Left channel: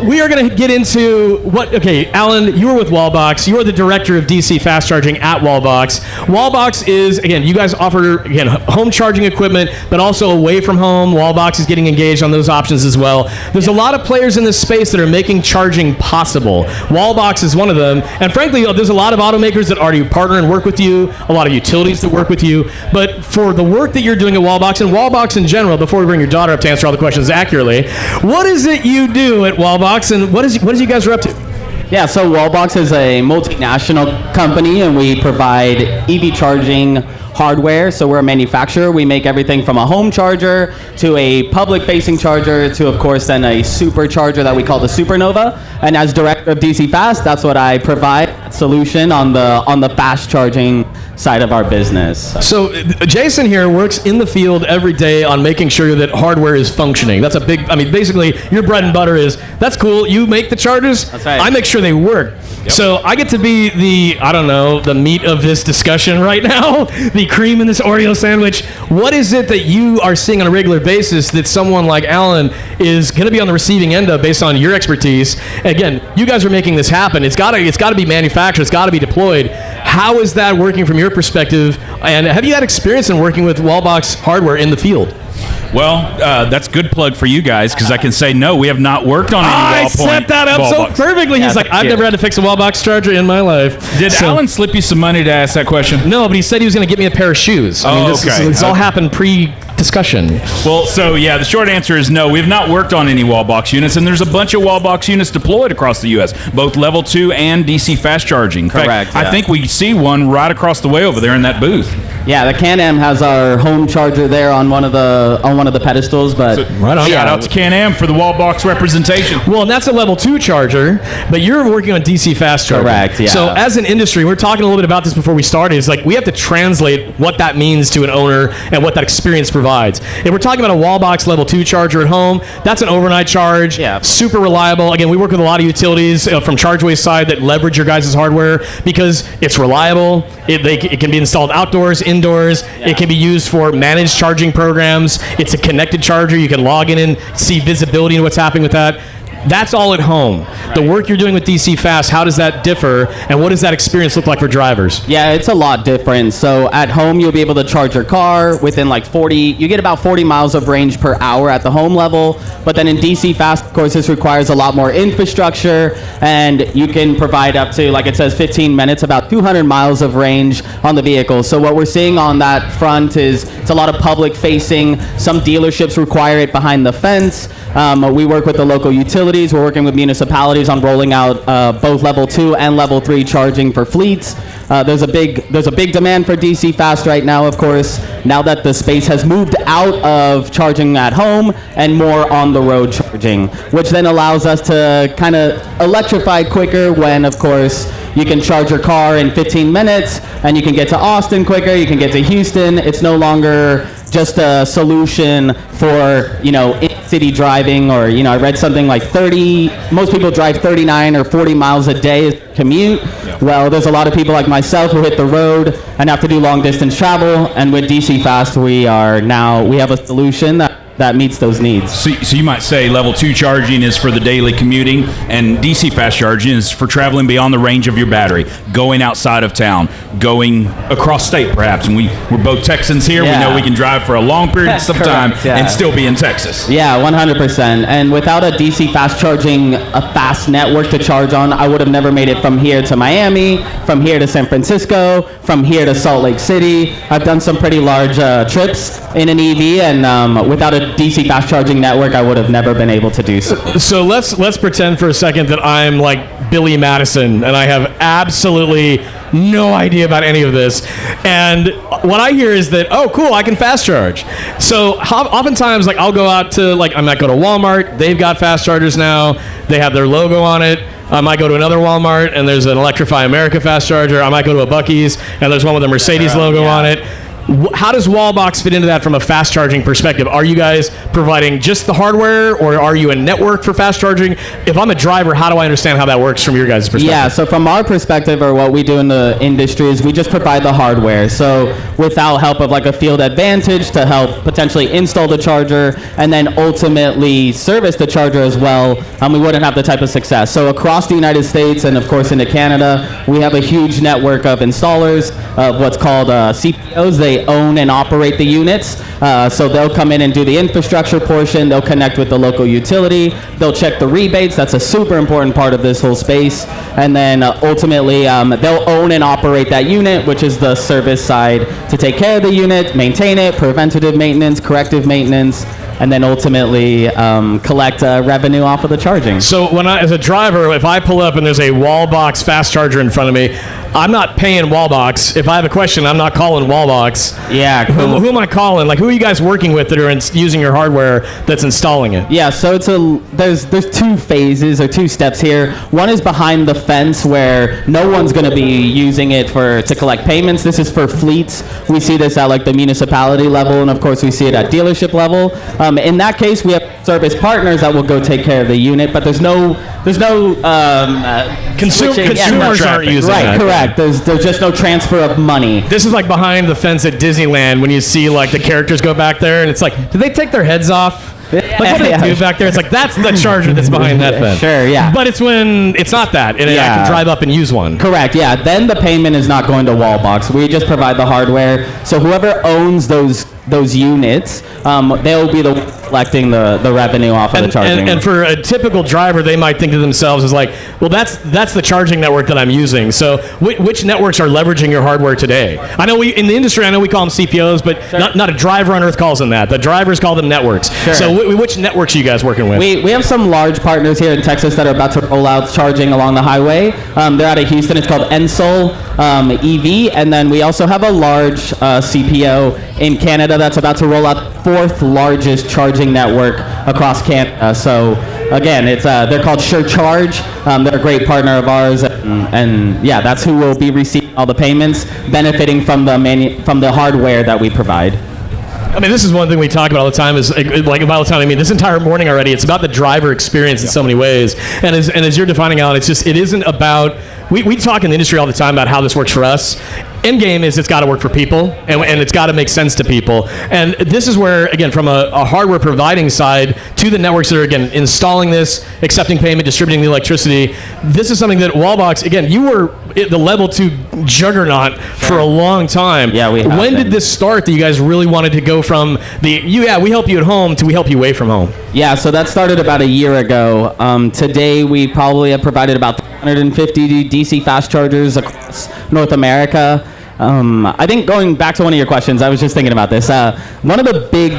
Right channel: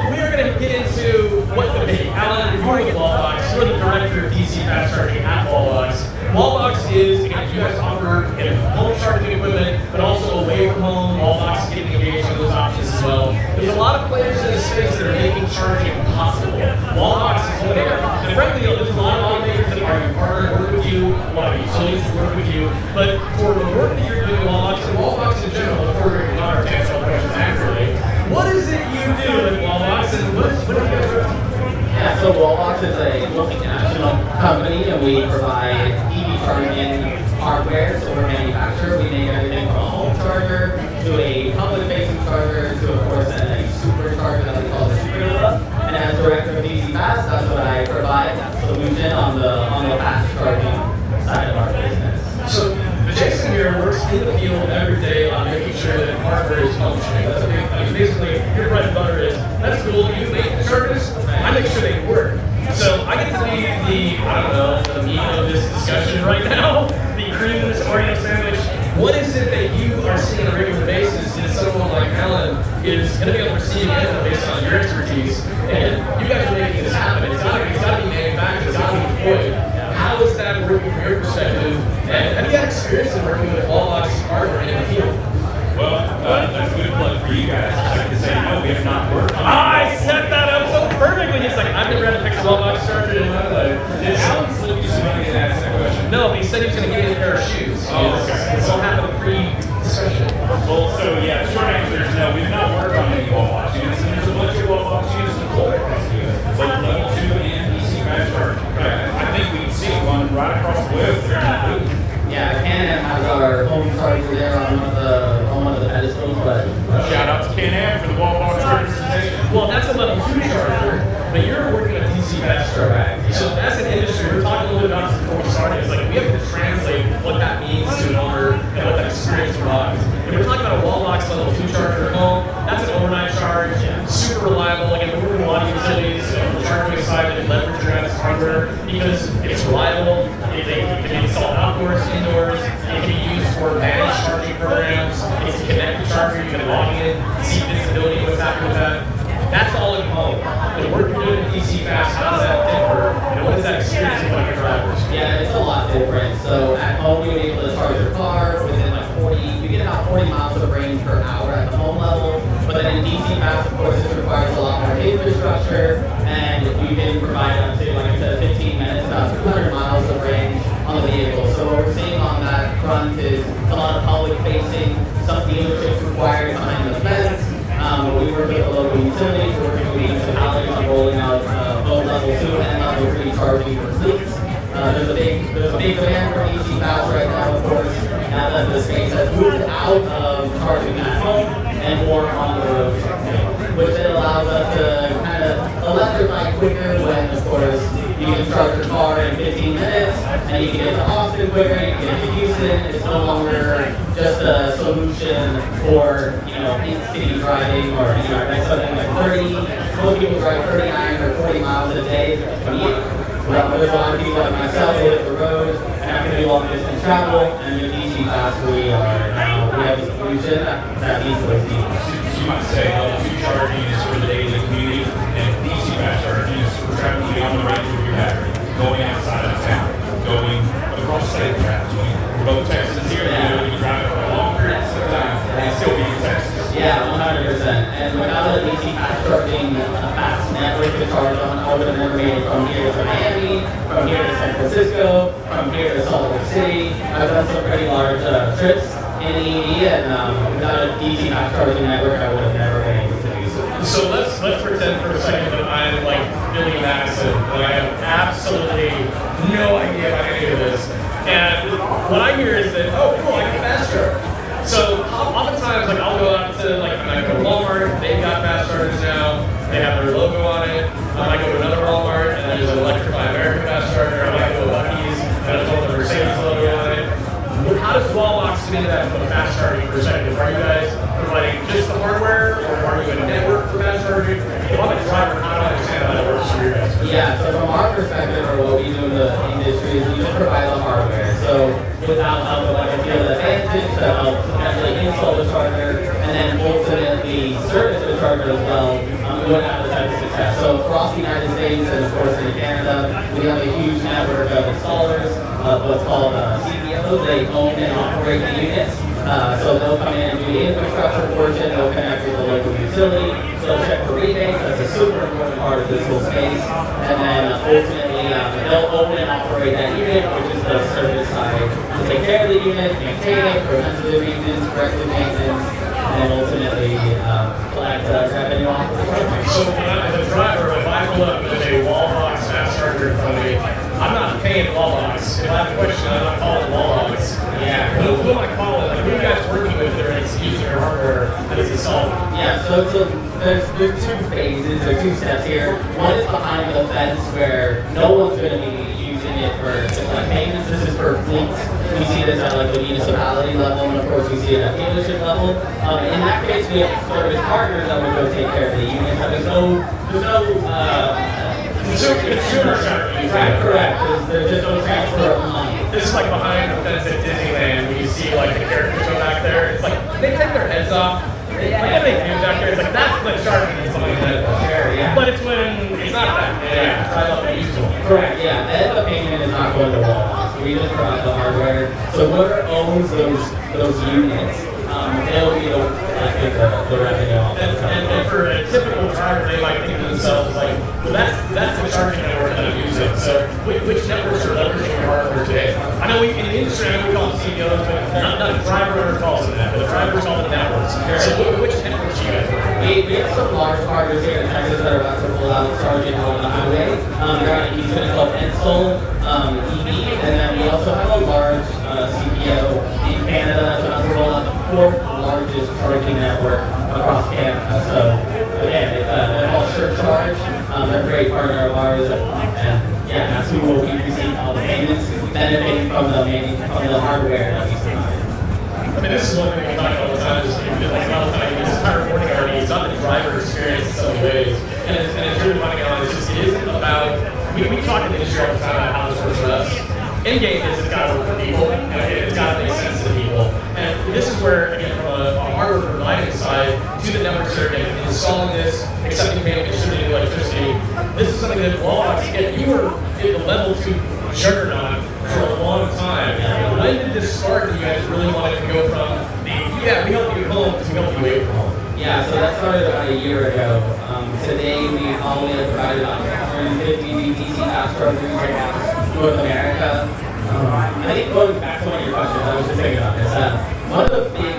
So we are going to get into okay, Alan, you were with Wallbox. You are the director of DC fast charging at Wallbox. Wallbox is, again, you guys offer, again, home charging equipment, but also away from home. Wallbox is getting engaged on those options as well. There's a lot of players in this space that are making charging possible. Wallbox is one of them. And frankly, there's a lot of automakers that already partner and work with you, a lot of utilities that work with you. But for the work that you're doing at Wallbox, and Wallbox in general, before we bring your daughter up to answer all the questions accurately, what is it you do at Wallbox, and what is you guys are up to? Yeah, so Wallbox is a multinational company, and we provide EV charging hardware. So we're a manufacturer. We make everything from a home charger to a public-facing charger to, of course, then a supercharger that we call the Supernova. And as director of DC Fast, that's what I provide, solution on the fast charging side of our business. So Jason here works in the field every day on making sure that hardware is functioning. That's a big, I mean, basically your bread and butter is, that's cool, you make the chargers, that's right. I make sure they work. Yep. So I get to be the meat of this discussion right now, the cream in this Oreo sandwich. What is it that you are seeing on a regular basis that someone like Alan is going to be on the receiving end of based on your expertise? Again, you guys are making this happen. It's got to be manufactured. It's got to be deployed. How is that working from your perspective? And have you had experience in working with Wallbox hardware in the field? Well, that's a good plug for you guys, because I can say, no, we have not worked on any I set that up so perfectly. He's like, I've never had to fix a Wallbox charger in my life. Did Alan slip you some money to ask that question? No, but he said he was going to get me a pair of shoes. This all happened pre-discussion. Well, so yeah, the short answer is no. We have not worked on any Wallbox units, and there's a bunch of Wallbox units deployed across the U.S., both level 2 and DC fast charging. In fact, I think we see one right across the way over there in that booth. Yeah, the Can-Am has our home charger there on one of the pedestals, but shout out to Can-Am for the Wallbox representation. Well, that's a level 2 charger, but you're working on DC fast charging. Correct, yeah. So as an industry, we're talking a little bit about this before we started. It's like we have to translate what that means to an owner and what that experience provides. If we're talking about a Wallbox level 2 charger at home, that's an overnight charge, super reliable. Again, we work with a lot of utilities from Chargeway's side that leverage your guys' hardware because it's reliable. It can be installed outdoors, indoors. It can be used for managed charging programs. It's a connected charger. You can log in and see visibility to what's happening with that. That's all at home. The work you're doing with DC Fast, how does that differ, and what does that experience look like for drivers? Yeah, it's a lot different. So at home, you'll be able to charge your car within you get about 40 miles of range per hour at the home level. But then in DC Fast, of course, this requires a lot more infrastructure, and you can provide up to, like it says, 15 minutes, about 200 miles of range on the vehicle. So what we're seeing on that front is it's a lot of public facing. Some dealerships require it behind the fence. We work with the local utilities. We're working with municipalities on rolling out both level 2 and level 3 charging for fleets. There's a big demand for DC Fast right now, of course, now that the space has moved out of charging at home and more on the road charging, which then allows us to kind of electrify quicker when, of course, you can charge your car in 15 minutes and you can get to Austin quicker, you can get to Houston. It's no longer just a solution for, in-city driving, or, I read something like most people drive 39 or 40 miles a day commute. Well, there's a lot of people like myself who hit the road and have to do long distance travel, and with DC Fast we have a solution that meets those needs. So you might say level 2 charging is for the daily commuting, and DC fast charging is for traveling beyond the range of your battery, going outside of town, going across state perhaps. And we're both Texans here. We know we can drive for a long period of time and still be in Texas. Yeah, 100%. And without a DC fast charging, a fast network to charge on, I would have never made it from here to Miami, from here to San Francisco, from here to Salt Lake City. I've done some pretty large trips in an EV, and without a DC fast charging network, I would have never been able to do so. So let's pretend for a second that I'm like Billy Madison and I have absolutely no idea about any of this. And what I hear is that, oh, cool, I can fast charge. So oftentimes, like, I'll go out to, like, I might go to Walmart. They've got fast chargers now. They have their logo on it. I might go to another Walmart and there's an Electrify America fast charger. I might go to a Buc-ee's and there's one with a Mercedes logo on it. How does Wallbox fit into that from a fast charging perspective? Are you guys providing just the hardware, or are you a network for fast charging? If I'm a driver, how do I understand how that works from your guys' perspective? Yeah, so from our perspective, or what we do in the industry, is we just provide the hardware. So without help of like a field advantage to help potentially install the charger and then ultimately service the charger as well, we wouldn't have the type of success. So across the United States and of course into Canada, we have a huge network of installers of what's called CPOs. They own and operate the units. So they'll come in and do the infrastructure portion. They'll connect with the local utility. They'll check the rebates. That's a super important part of this whole space. And then ultimately, they'll own and operate that unit, which is the service side, to take care of the unit, maintain it, preventative maintenance, corrective maintenance, and then ultimately collect revenue off of the charging. So when as a driver, if I pull up and there's a Wallbox fast charger in front of me, I'm not paying Wallbox. If I have a question, I'm not calling Wallbox. Yeah, cool. Who am I calling? Like, who are you guys working with that are using your hardware that's installing it? Yeah, so there's two phases or two steps here. One is behind the fence where no one's going to be using it to collect payments. This is for fleets. We see this at like the municipality level, and of course we see it at dealership level. In that case, we have service partners that will go take care of the unit, but there's no consumers aren't using it. Right, correct. There's just no transfer of money. This is like behind the fence at Disneyland when you see like the characters go back there, and it's like, did they take their heads off? Like, what do they do back there? It's like, that's the charger that's behind that fence. Sure, yeah. But it's when it's not that, and I can drive up and use one. Correct, yeah. Then the payment is not going to Wallbox. We just provide the hardware. So whoever owns those units, they'll be collecting the revenue off of the charging. And for a typical driver, they might think to themselves is like, well, that's the charging network that I'm using. So which networks are leveraging your hardware today? I know in the industry, I know we call them CPOs, but sure. not a driver on earth calls them that. The drivers call them networks. Sure. So which networks are you guys working with? We have some large partners here in Texas that are about to roll out charging along the highway. They're out of Houston. It's called Ensol EV. And then we also have a large CPO in Canada that's about to roll out the fourth largest charging network across Canada. So again, they're called Charge. They're a great partner of ours, and yeah, that's who will be receiving all the payments, benefiting from the hardware that we provide. I mean, this is one thing we talk about all the time. Is like about the time. I mean, this entire morning already. It's about the driver experience in so many ways. And as you're defining out, it isn't about. We talk in the industry all the time about how this works for us. End game is it's got to work for people, and it's got to make sense to people. And this is where, again, from a hardware providing side to the networks that are, again, installing this, accepting payment, distributing the electricity, this is something that Wallbox, again, you were the level 2 juggernaut for a long time. Yeah, we have. When did this start that you guys really wanted to go from we help you at home to we help you away from home? Yeah, so that started about a year ago. Today, we probably have provided about 350 DC fast chargers across North America. I think going back to one of your questions, I was just thinking about this. One of the big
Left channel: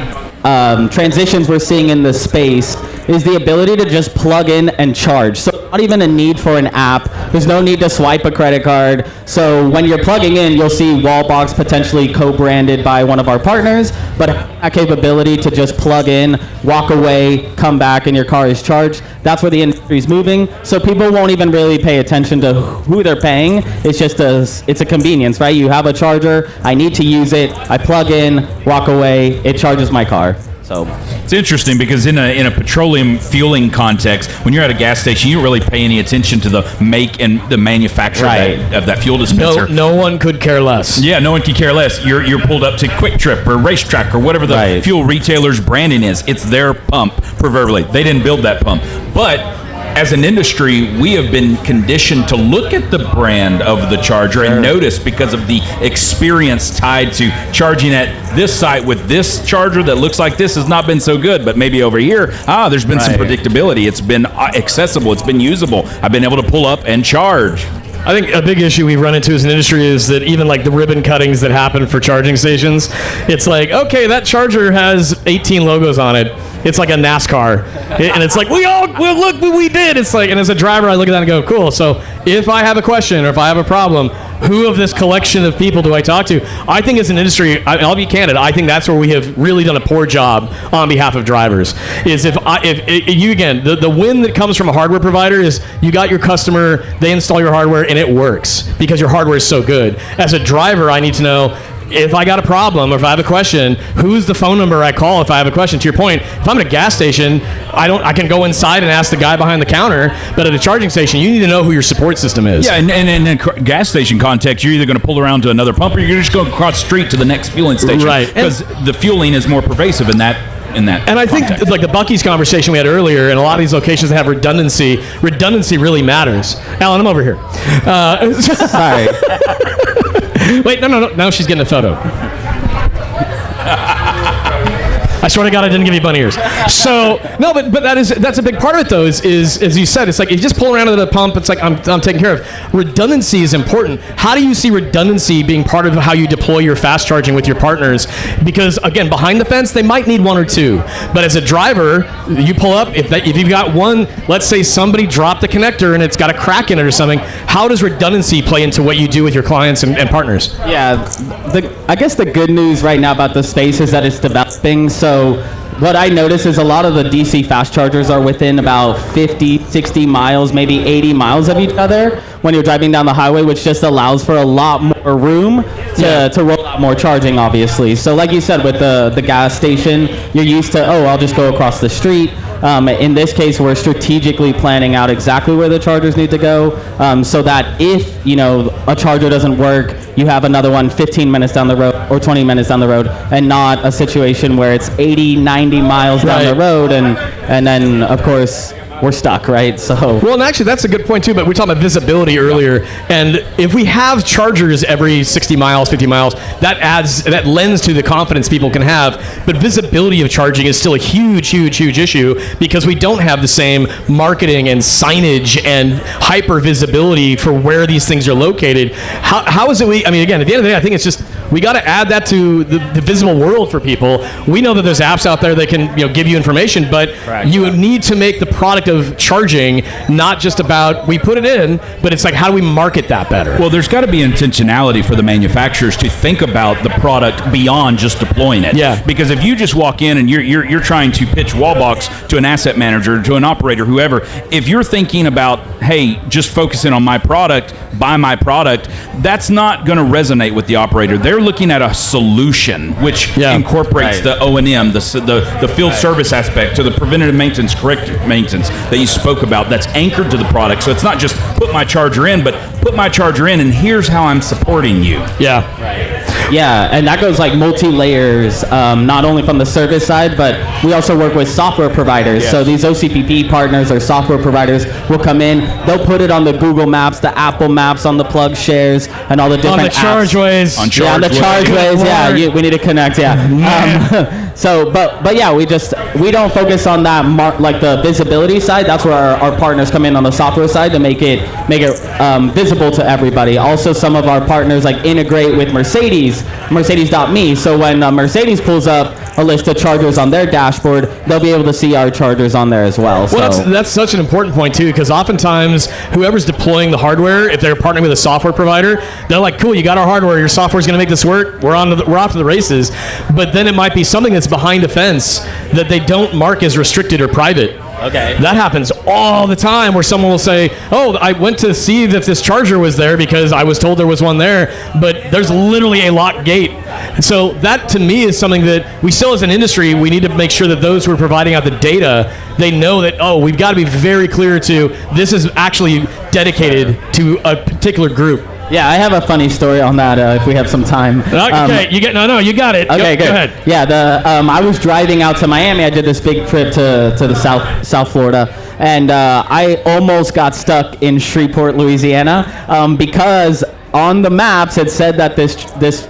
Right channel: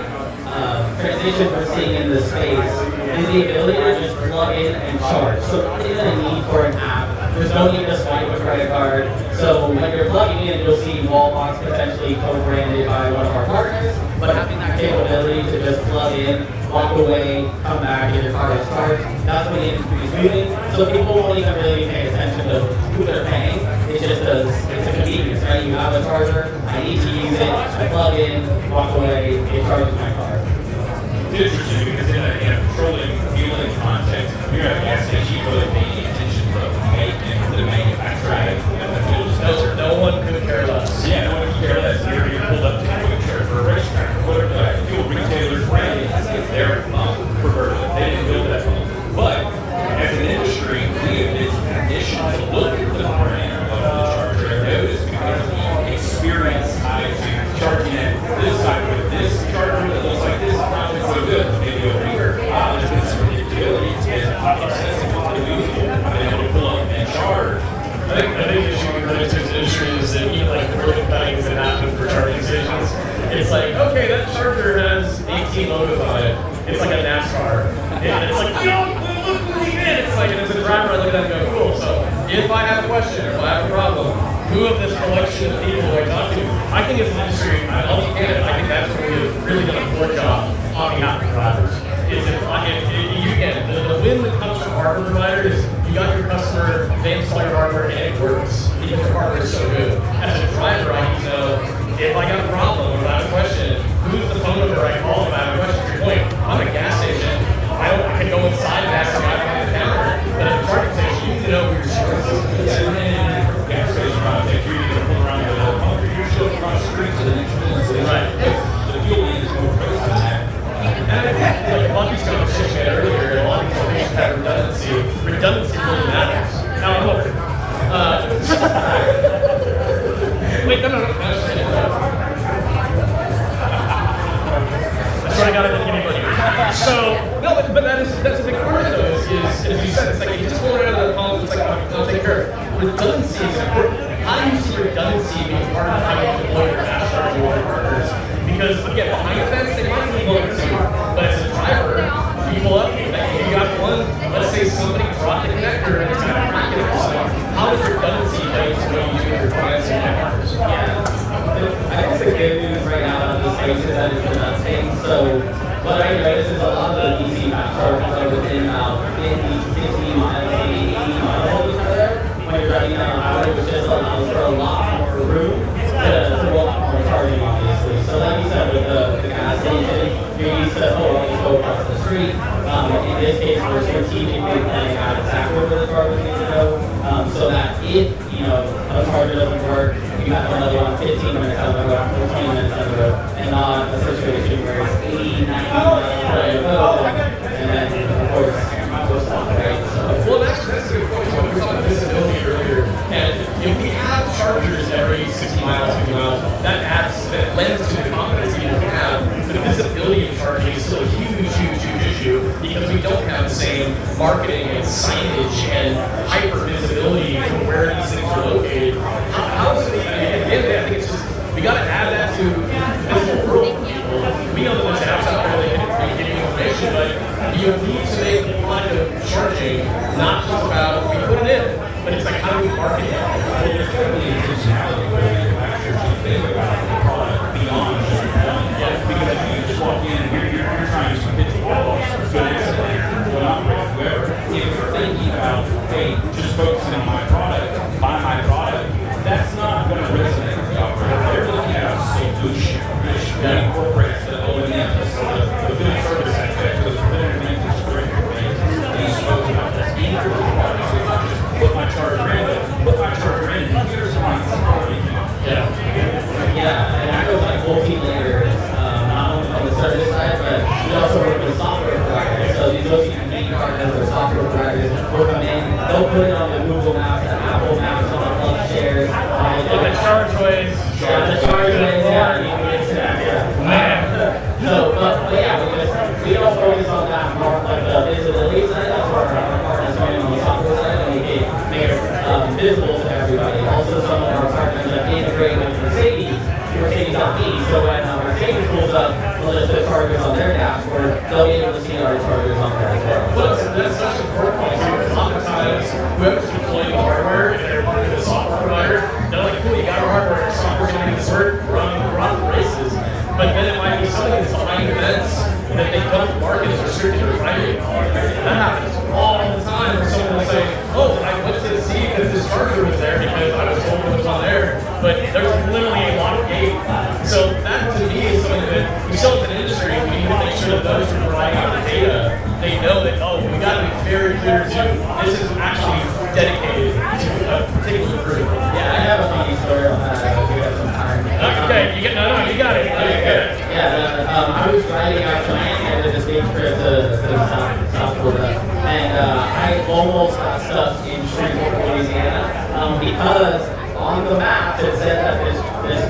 transitions we're seeing in the space is the ability to just plug in and charge. So not even a need for an app. There's no need to swipe a credit card. So when you're plugging in, you'll see Wallbox potentially co-branded by one of our partners, but having that capability to just plug in, walk away, come back, and your car is charged, that's where the industry is moving. So people won't even really pay attention to who they're paying. It's just it's a convenience, right? You have a charger, I need to use it, I plug in, walk away, it charges my car. So it's interesting because in a petroleum fueling context, when you're at a gas station, you don't really pay any attention to the make and the manufacturer of that fuel dispenser. No one could care less. Yeah, no one could care less. You're pulled up to Quick Trip or Racetrack or whatever the fuel retailer's branding is. It's their pump, proverbially. They didn't build that pump. But as an industry, we have been conditioned to look at the brand of the charger and notice because of the experience tied to charging at this site with this charger that looks like this has not been so good, but maybe over here, there's been some predictability. It's been accessible. It's been usable. I've been able to pull up and charge. I think a big issue we've run into as an industry is that even like the ribbon cuttings that happen for charging stations, it's like, okay, that charger has 18 logos on it. It's like a NASCAR. And it's like, look what we did. It's like, and as a driver, I look at that and go, cool. So if I have a question or if I have a problem, who of this collection of people do I talk to? I think as an industry, I'll be candid, I think that's where we have really done a poor job on behalf of drivers. Is if you, again, the win that comes from a hardware provider is you got your customer, they install your hardware and it works because your hardware is so good. As a driver, I need to know, if I got a problem or if I have a question, who's the phone number I call if I have a question? To your point, if I'm at a gas station, I can go inside and ask the guy behind the counter, but at a charging station, you need to know who your support system is. Yeah, and in gas station context, you're either going to pull around to another pump or you're just going to cross the street to the next fueling station. Right. Because the fueling is more pervasive in that. And I think like the Buc-ee's conversation we had earlier, in a lot of these locations that have redundancy really matters. Alan, I'm over here. Sorry. Wait, no. Now she's getting a photo. I swear to God, I didn't give you bunny ears. So no, but that's a big part of it though. Is as you said, it's like if you just pull around to the pump, it's like I'm taken care of. Redundancy is important. How do you see redundancy being part of how you deploy your fast charging with your partners? Because again, behind the fence, they might need one or two, but as a driver, you pull up. If you've got one, let's say somebody dropped the connector and it's got a crack in it or something. How does redundancy play into what you do with your clients and partners? Yeah, I guess the good news right now about the space is that it's developing. So what I notice is a lot of the DC fast chargers are within about 50, 60 miles, maybe 80 miles of each other when you're driving down the highway, which just allows for a lot more room to roll out more charging, obviously. So like you said, with the gas station, you're used to, I'll just go across the street. In this case, we're strategically planning out exactly where the chargers need to go, so that if a charger doesn't work, you have another one 15 minutes down the road or 20 minutes down the road, and not a situation where it's 80, 90 miles down the road, and then of course we're stuck, right? So well, and actually that's a good point too, but we talked about visibility earlier, and if we have chargers every 60 miles, 50 miles, that lends to the confidence people can have, but visibility of charging is still a huge issue because we don't have the same marketing and signage and hyper visibility for where these things are located. How is it again, at the end of the day, I think it's just we got to add that to the visible world for people. We know that there's apps out there that can give you information, but you would need to make the product of charging not just about we put it in, but it's like how do we market that better? Well, there's got to be intentionality for the manufacturers to think about the product beyond just deploying it. Yeah. Because if you just walk in and you're trying to pitch Wallbox to an asset manager, to an operator, whoever, if you're thinking about, hey, just focusing on my product, buy my product, that's not going to resonate with the operator. They're looking at a solution which incorporates the O&M, the field service aspect, to the preventative maintenance, corrective maintenance that you spoke about. That's anchored to the product. So it's not just put my charger in, but put my charger in and here's how I'm supporting you. Yeah, and that goes like multi-layers, not only from the service side, but we also work with software providers. So these OCPP partners or software providers will come in, they'll put it on the Google Maps, the Apple Maps, on the plug shares, and all the different apps. Chargeways. On the Chargeways, we need to connect, but yeah, we don't focus on that like the visibility side. That's where our partners come in on the software side to make it visible to everybody. Also, some of our partners like integrate with Mercedes.me. So when Mercedes pulls up a list of chargers on their dashboard, they'll be able to see our chargers on there as well. Well, that's such an important point too, because oftentimes whoever's deploying the hardware, if they're partnering with a software provider, they're like, cool, you got our hardware, your software's going to make this work, we're off to the races. But then it might be something that's behind a fence that they don't mark as restricted or private. Okay. That happens all the time where someone will say, I went to see if this charger was there because I was told there was one there, but there's literally a locked gate. And so that to me is something that we still as an industry, we need to make sure that those who are providing out the data, they know that, we've got to be very clear to this is actually dedicated to a particular group. Yeah, I have a funny story on that if we have some time. Okay, you got it. Okay, go good. ahead. Yeah, I was driving out to Miami. I did this big trip to the South Florida, and I almost got stuck in Shreveport, Louisiana, because on the maps it said that this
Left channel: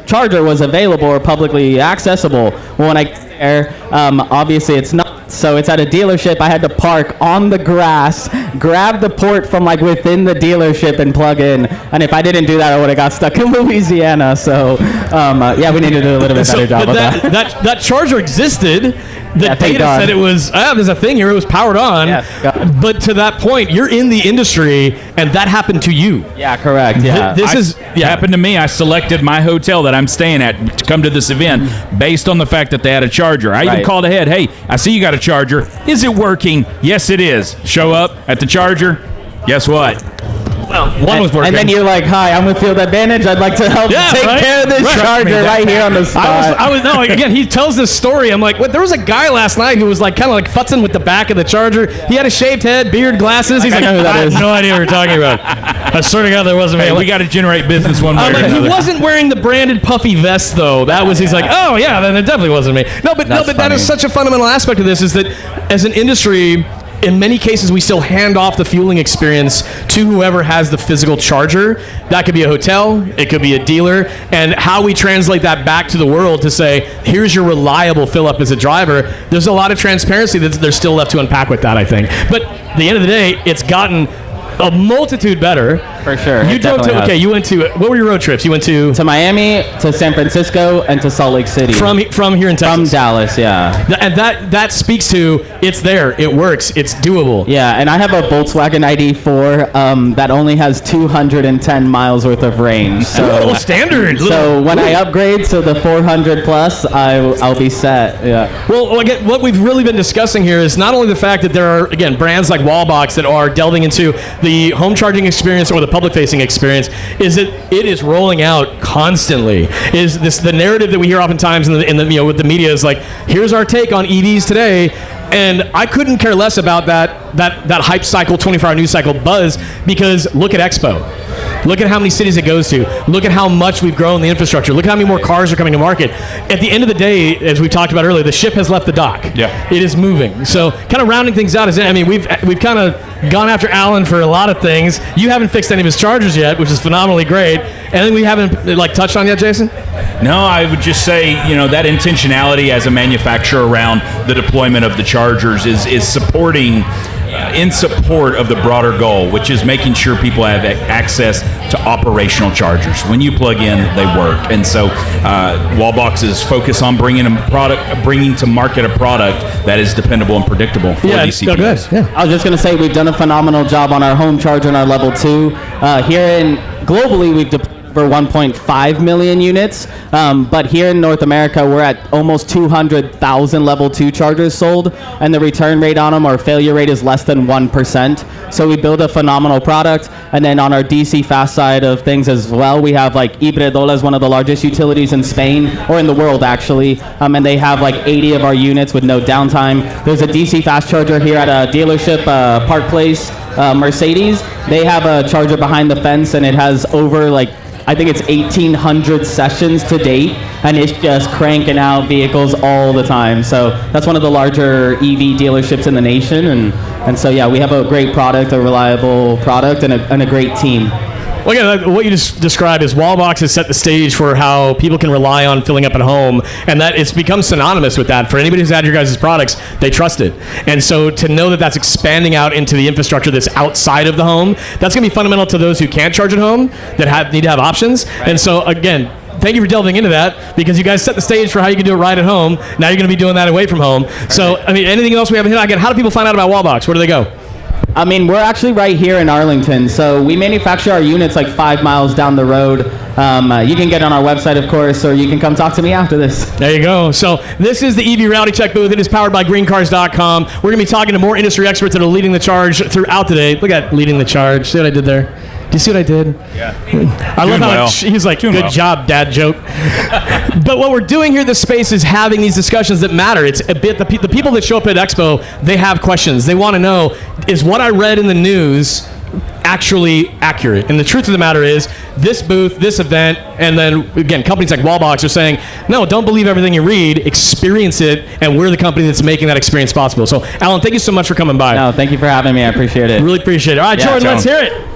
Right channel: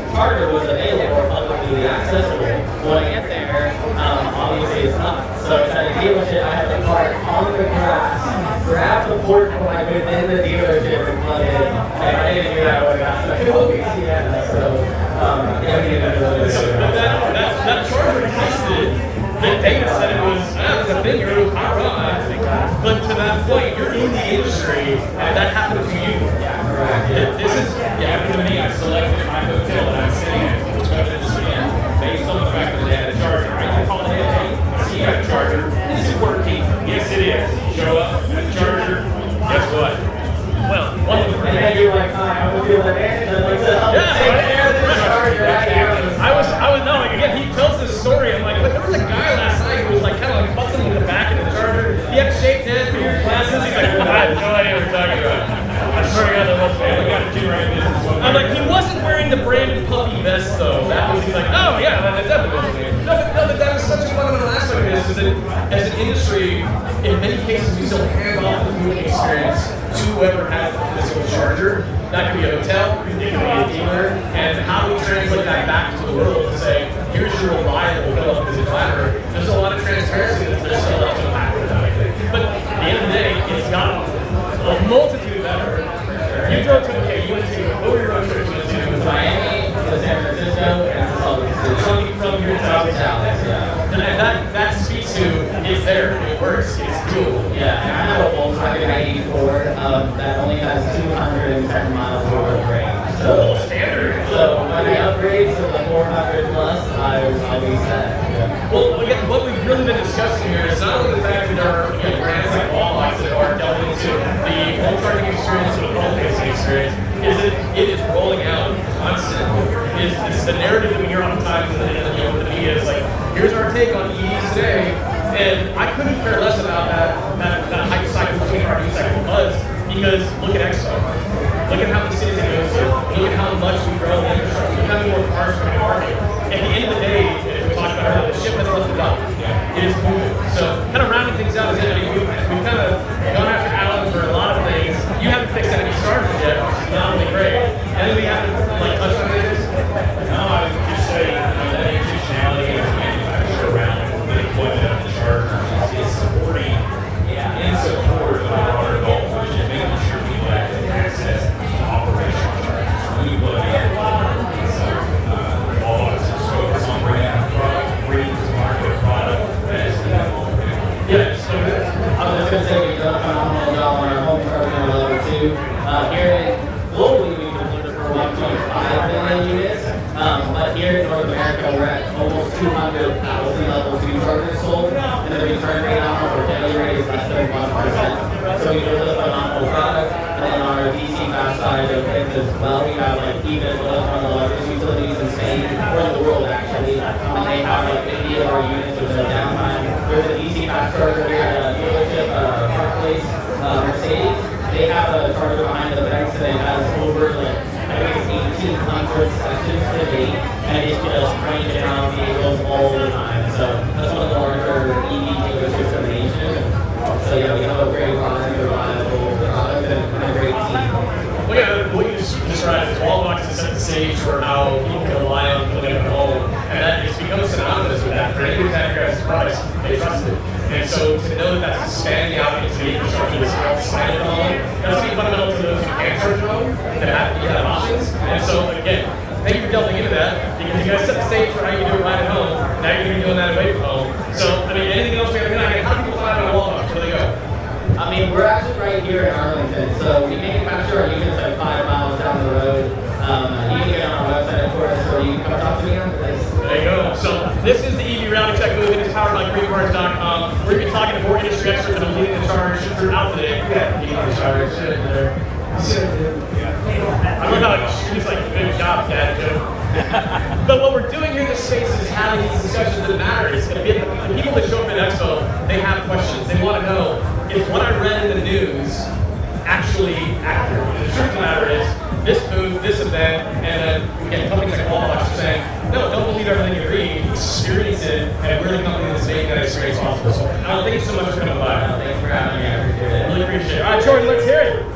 charger was available or publicly accessible. Well, when I get there, obviously it's not. So it's at a dealership. I had to park on the grass, grab the port from like within the dealership and plug in. And if I didn't do that, I would have got stuck in Louisiana. So we need to do a little bit better job of that. That charger existed. The data said it was, there's a thing here, it was powered on. Yeah, but to that point, you're in the industry, and that happened to you. Yeah, correct. Yeah. It happened to me. I selected my hotel that I'm staying at to come to this event based on the fact that they had a charger. I even called ahead, hey, I see you got a charger. Is it working? Yes, it is. Show up at the charger. Guess what? Well, one was working. And then you're like, hi, I'm with Field Advantage. I'd like to help take care of this charger right here on the spot. No, again, he tells this story. I'm like, there was a guy last night who was like kind of like futzing with the back of the charger. He had a shaved head, beard, glasses. He's like, I have no idea what you're talking about. I swear to God, there wasn't me. We got to generate business one way or another. He wasn't wearing the branded puffy vest, though. He's like, oh, yeah, then it definitely wasn't me. But that is such a fundamental aspect of this, is that as an industry, in many cases, we still hand off the fueling experience to whoever has the physical charger. That could be a hotel, it could be a dealer, and how we translate that back to the world to say, here's your reliable fill-up as a driver, there's a lot of transparency that there's still left to unpack with that, I think. But at the end of the day, it's gotten a multitude better. For sure. You drove to, you went to, what were your road trips? You went to Miami, to San Francisco, and to Salt Lake City. From here in Texas? From Dallas, yeah. And that speaks to, it's there, it works, it's doable. Yeah, and I have a Volkswagen ID4 that only has 210 miles worth of range. So standard. So when I upgrade to the 400 plus, I'll be set. Yeah. Well, again, what we've really been discussing here is not only the fact that there are, again, brands like Wallbox that are delving into the home charging experience or the public-facing experience, is that it is rolling out constantly. Is this the narrative that we hear oftentimes in the with the media is like, here's our take on EVs today, and I couldn't care less about that hype cycle, 24-hour news cycle buzz, because look at Expo. Look at how many cities it goes to. Look at how much we've grown the infrastructure. Look at how many more cars are coming to market. At the end of the day, as we talked about earlier, the ship has left the dock. Yeah. It is moving. So kind of rounding things out, we've kind of gone after Alan for a lot of things. You haven't fixed any of his chargers yet, which is phenomenally great. And then we haven't touched on yet, Jason? No, I would just say, that intentionality as a manufacturer around the deployment of the chargers is supporting in support of the broader goal, which is making sure people have access to operational chargers. When you plug in, they work. And so Wallbox is focused on bringing to market a product that is dependable and predictable for DC vehicles. Yeah. I was just going to say, we've done a phenomenal job on our home charger and our level 2. Globally, we've deployed for 1.5 million units, but here in North America, we're at almost 200,000 level 2 chargers sold, and the return rate on them, our failure rate is less than 1%. So we build a phenomenal product, and then on our DC fast side of things as well, we have like Iberdrola, one of the largest utilities in Spain, or in the world actually, and they have like 80 of our units with no downtime. There's a DC fast charger here at a dealership, Park Place, Mercedes. They have a charger behind the fence, and it has over I think it's 1,800 sessions to date, and it's just cranking out vehicles all the time. So that's one of the larger EV dealerships in the nation, and so yeah, we have a great product, a reliable product, and a great team. Well, yeah, what you just described is Wallbox has set the stage for how people can rely on filling up at home, and that it's become synonymous with that. For anybody who's had your guys' products, they trust it. And so to know that that's expanding out into the infrastructure that's outside of the home, that's going to be fundamental to those who can't charge at home, that need to have options. And so, again, thank you for delving into that, because you guys set the stage for how you can do it right at home. Now you're going to be doing that away from home. So, anything else we haven't hit? Again, how do people find out about Wallbox? Where do they go? We're actually right here in Arlington, so we manufacture our units 5 miles down the road. You can get on our website, of course, or you can come talk to me after this. There you go. So this is the EV Reality Check booth. It is powered by GreenCars.com. We're going to be talking to more industry experts that are leading the charge throughout the day. Look at that, leading the charge. See what I did there? Do you see what I did? Yeah. I love how he's like, good job, dad joke. But what we're doing here in this space is having these discussions that matter. It's a bit, the people that show up at Expo, they have questions. They want to know, is what I read in the news actually accurate? And the truth of the matter is, this booth, this event, and then, again, companies like Wallbox are saying, no, don't believe everything you read, experience it, and we're the company that's making that experience possible. So, Alan, thank you so much for coming by. No, thank you for having me. I appreciate it. Really appreciate it. All right, Jordan, let's hear it.